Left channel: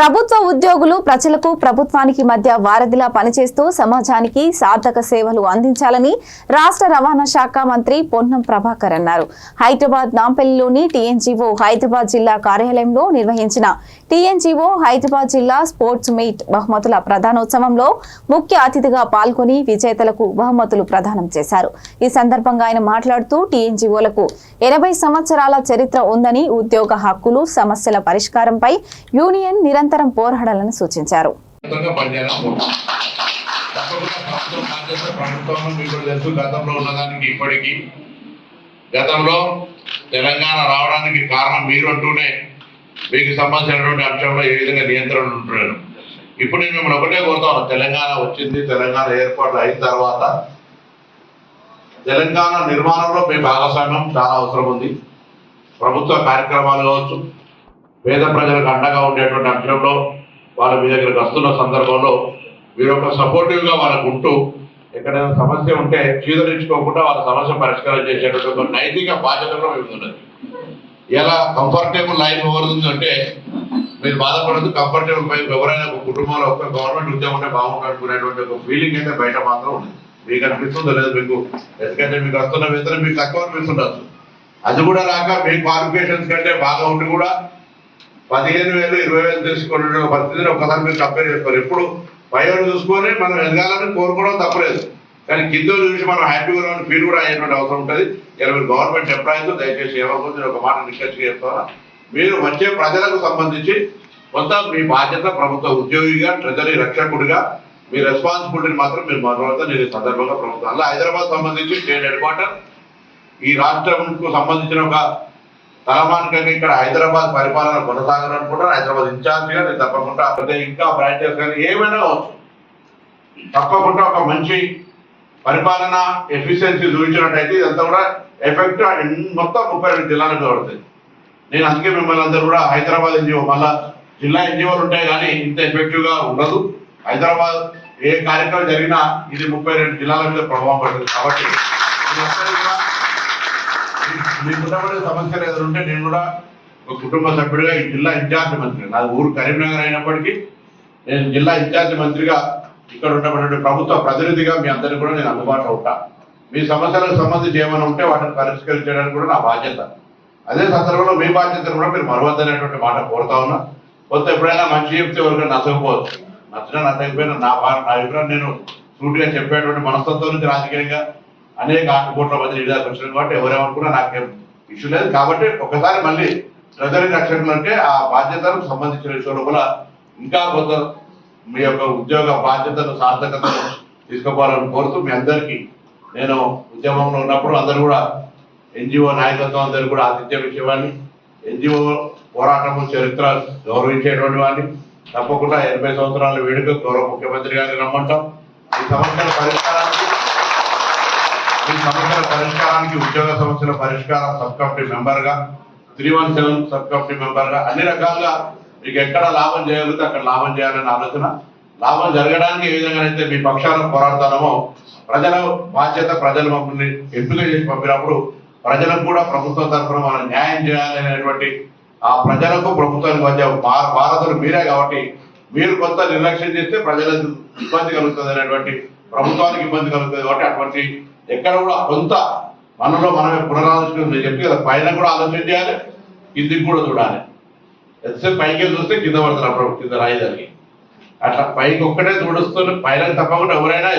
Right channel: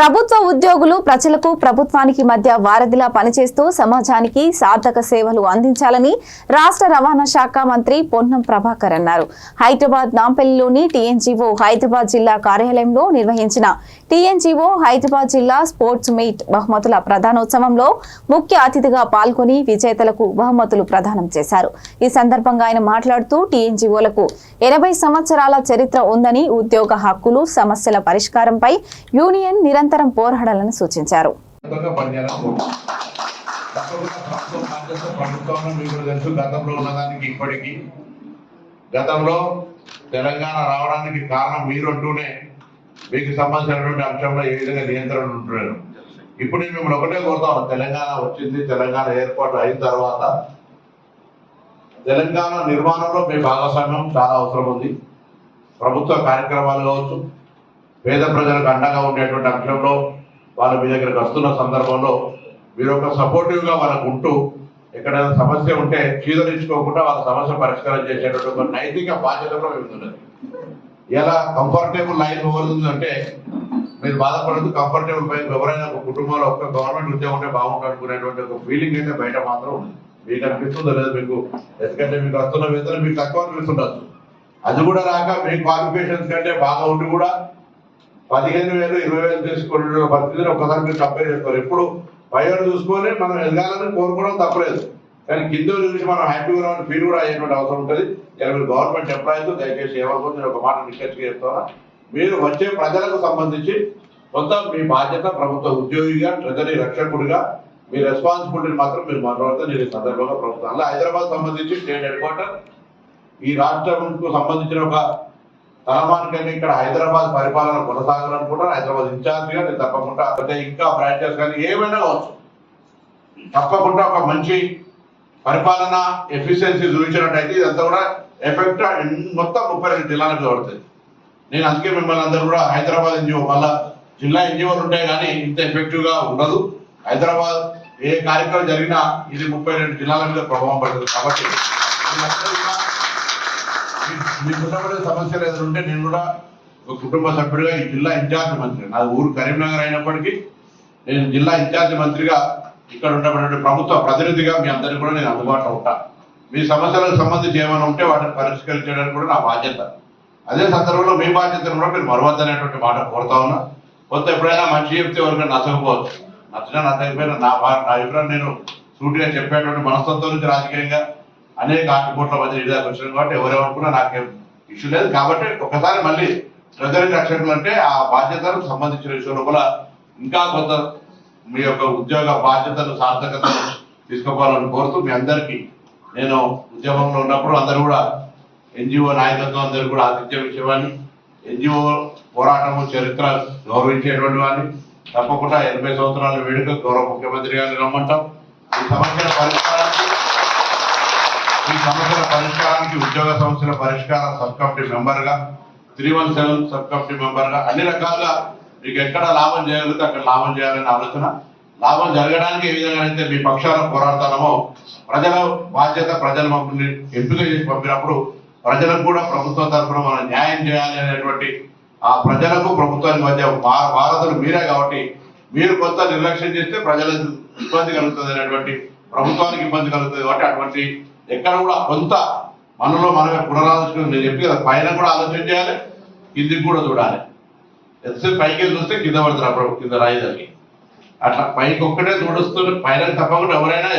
ప్రభుత్వ ఉద్యోగులు ప్రజలకు ప్రభుత్వానికి మధ్య వారధిలా పనిచేస్తూ సమాజానికి సార్థక సేవలు అందించాలని రాష్ట్ర రవాణా శాఖ మంత్రి పొన్నం ప్రభాకర్ అన్నారు. హైదరాబాద్ నాంపల్లిలోని టీఎన్జీఓ హైదరాబాద్ జిల్లా కార్యాలయంలో నిర్వహించిన టీఎన్జీఓ హైదరాబాద్ జిల్లా స్పోర్ట్స్ మీట్ బహుమతుల ప్రదానోత్సవంలో ముఖ్య అతిథిగా పాల్గొని విజేతలకు బహుమతులు ప్రదానం చేశారు. ఈ సందర్భంగా ఆయన మాట్లాడుతూ టీఎన్జీఓలకు 80 సంవత్సరాల చరిత్ర ఉందని, ఉద్యోగ హక్కులు సమస్యల పరిష్కారంపై యూనియన్ నిరంతరం పోరాడాలని సూచించారు. గతంలో తెలంగాణ రావడానికి కారణం మీరంటూనే మీకు సంబంధించినటువంటి అంశంలో ఏ విధంగా నియంత్రణ ఉంటున్నారు. ఇప్పుడు నేను మిమ్మల్ని ఒకటే కోరుతాను, తెలంగాణ వచ్చింది, తెలంగాణ ఏర్పాటు అయిన తర్వాత తెలంగాణ నిర్మాణంలో మీ భాగస్వామ్యం చాలా అవసరం ఉంది. ప్రభుత్వ కార్యక్రమాలు కావచ్చు, పేద ప్రజలకు అండగా ఉండేటువంటి అంశంలో వాళ్ళ మీ దగ్గరకు వస్తున్న సందర్భంలో మీరు ఒక సపోర్టివ్గా వాళ్ళకు ఉంటూ ఎక్కడైనా సమస్య ఉంటే చీదరించుకోకుండా వాళ్ళ సమస్య పరిష్కారం చేసేటువంటి ఒక నైతిక బాధ్యత కూడా మీకు ఉన్నది. ఎలా కంఫర్టబుల్ లైఫ్ ఎవరుందంటే మీరు బాధపడదు, కంఫర్టబుల్ లైఫ్ ఎవరైనా ఒక కుటుంబంలో ఒక గవర్నమెంట్ ఉద్యోగం ఉంటే బాగుంటాడుకునేటువంటి ఒక ఫీలింగ్ అయితే బయట మాత్రం ఉంది. మీకు అనిపిస్తుందో లేదు మీకు, ఎందుకంటే మీకు వస్తున్న వేతనం మీకు తక్కువ అనిపిస్తుండొచ్చు. అది కూడా రాక మీ క్వాలిఫికేషన్స్ కంటే బాగా ఉండి కూడా 15,000 20,000 తీసుకునే పరిస్థితిని ఒకసారి మీరు కంపేర్ చేసుకోరు. ఎప్పుడు పైన చూసుకొని మనం ఎదగాలని కోరుకోవడం తప్పలేదు, కానీ కింద చూసి మనం హ్యాపీగా ఉన్న ఫీల్ కూడా అయ్యేటువంటి అవసరం ఉంటుంది. ఇలా మీరు గవర్నమెంట్ ఎంప్లాయీస్ దయచేసి ఏమవుతుంది ఒక మాట రిసర్చ్గా చెప్తారా, మీరు వచ్చే ప్రజలకు సంబంధించి కొంత మీ బాధ్యత ప్రభుత్వ ఉద్యోగిగా, ట్రెజరీ రక్షకుడిగా మీ రెస్పాన్సిబిలిటీని మాత్రం మీరు మాట్లాడుతూ నేను ఈ సందర్భంగా ప్రభుత్వం అలా హైదరాబాద్ సంబంధించి స్టేట్ హెడ్ క్వార్టర్ ఈ రాష్ట్రంకు సంబంధించిన ఒక తలమానికంగా ఇక్కడ హైదరాబాద్ పరిపాలన కొనసాగాలనుకుంటారు. హైదరాబాద్ ఇన్ఛార్జిగా నేను తప్పకుండా ఇంకా బ్రాంచెస్ కానీ ఏమైనా కావచ్చు, తప్పకుండా ఒక మంచి పరిపాలన ఎఫిషియన్సీ చూపించినట్టయితే ఇదంతా కూడా ఎఫెక్ట్ మొత్తం 32 జిల్లాలకు పడుతుంది. నేను అందుకే మిమ్మల్ని అందరూ కూడా హైదరాబాద్ ఎన్జిఓ మళ్ళా జిల్లా ఎన్జిఓలు ఉంటాయి కానీ ఇంత ఎఫెక్టివ్గా ఉండదు. హైదరాబాద్ ఏ కార్యక్రమం జరిగినా ఇది 32 జిల్లాల మీద ప్రభావం పడుతుంది. కాబట్టి మీకున్నప్పుడు సమస్యలు ఎదురుంటే నేను కూడా ఒక కుటుంబ సభ్యుడిగా ఈ జిల్లా ఇన్ఛార్జ్ మంత్రి, నా ఊరు కరీంనగర్ అయినప్పటికీ నేను జిల్లా ఇన్ఛార్జ్ మంత్రిగా ఇక్కడ ఉన్నటువంటి ప్రభుత్వ ప్రతినిధిగా మీ అందరికీ కూడా నేను అందుబాటులో ఉంటాను. మీ సమస్యలకు సంబంధించి ఏమైనా ఉంటే వాటిని పరిష్కరించడానికి కూడా నా బాధ్యత. అదే సందర్భంలో మీ బాధ్యతను కూడా మీరు మరవద్దనేటువంటి మాట కోరుతా ఉన్నా. కొంత ఎప్పుడైనా మంచి చెప్తే ఎవరికైనా నచ్చకపోవచ్చు, నచ్చినా నచ్చకపోయినా నా అభిప్రాయం నేను సూటిగా చెప్పేటువంటి మనస్తత్వం నుంచి రాజకీయంగా అనేక ఆటపోట్ల మధ్య నిజాలు వచ్చినాయి కాబట్టి ఎవరేమనుకున్నా నాకేం ఇష్యూ లేదు. కాబట్టి ఒకసారి మళ్ళీ ట్రెజరీ రక్షకులు అంటే ఆ బాధ్యతలకు సంబంధించిన విషయంలో కూడా ఇంకా కొంత మీ యొక్క ఉద్యోగ బాధ్యతను సార్థకతను తీసుకోవాలని కోరుతూ మీ అందరికీ నేను ఉద్యమంలో ఉన్నప్పుడు అందరూ కూడా ఎన్జిఓ నాయకత్వం అందరూ కూడా ఆతిథ్యం ఇచ్చేవాడిని, ఎన్జిఓ పోరాటము చరిత్ర గౌరవించేటువంటి వాడిని. తప్పకుండా 80 సంవత్సరాల వేడుక గౌరవ ముఖ్యమంత్రి గారిని రమ్మంటాం. ఈ సమస్యల పరిష్కారానికి ఉద్యోగ సమస్యల పరిష్కార సబ్ కమిటీ మెంబర్గా, 317 సబ్ కమిటీ మెంబర్గా అన్ని రకాలుగా మీకు ఎక్కడ లాభం చేయగలిగితే అక్కడ లాభం చేయాలనే ఆలోచన. లాభం జరగడానికి ఏ విధంగా అయితే మీ పక్షాలను పోరాడతామో ప్రజల బాధ్యత, ప్రజలు మమ్మల్ని ఎంపిక చేసి పంపినప్పుడు ప్రజలకు కూడా ప్రభుత్వం తరఫున మనం న్యాయం చేయాలి అనేటువంటి ఆ ప్రజలకు ప్రభుత్వానికి మధ్య భారతులు మీరే కాబట్టి మీరు కొంత నిర్లక్ష్యం చేస్తే ప్రజలకు ఇబ్బంది కలుగుతుంది అనేటువంటి, ప్రభుత్వానికి ఇబ్బంది కలుగుతుంది కాబట్టి అటువంటి ఎక్కడ కూడా కొంత మనలో మనమే పునరాలోచన నేను చెప్పి కదా, పైన కూడా ఆలోచన చేయాలి, కిందికి కూడా చూడాలి. ఎంతసేపు పైకి చూస్తే కింద పడుతున్నారు, కింద రాయి జరిగి అట్లా పైకి ఒక్కటే చూడుస్తూ పైన తప్పకుండా ఎవరైనా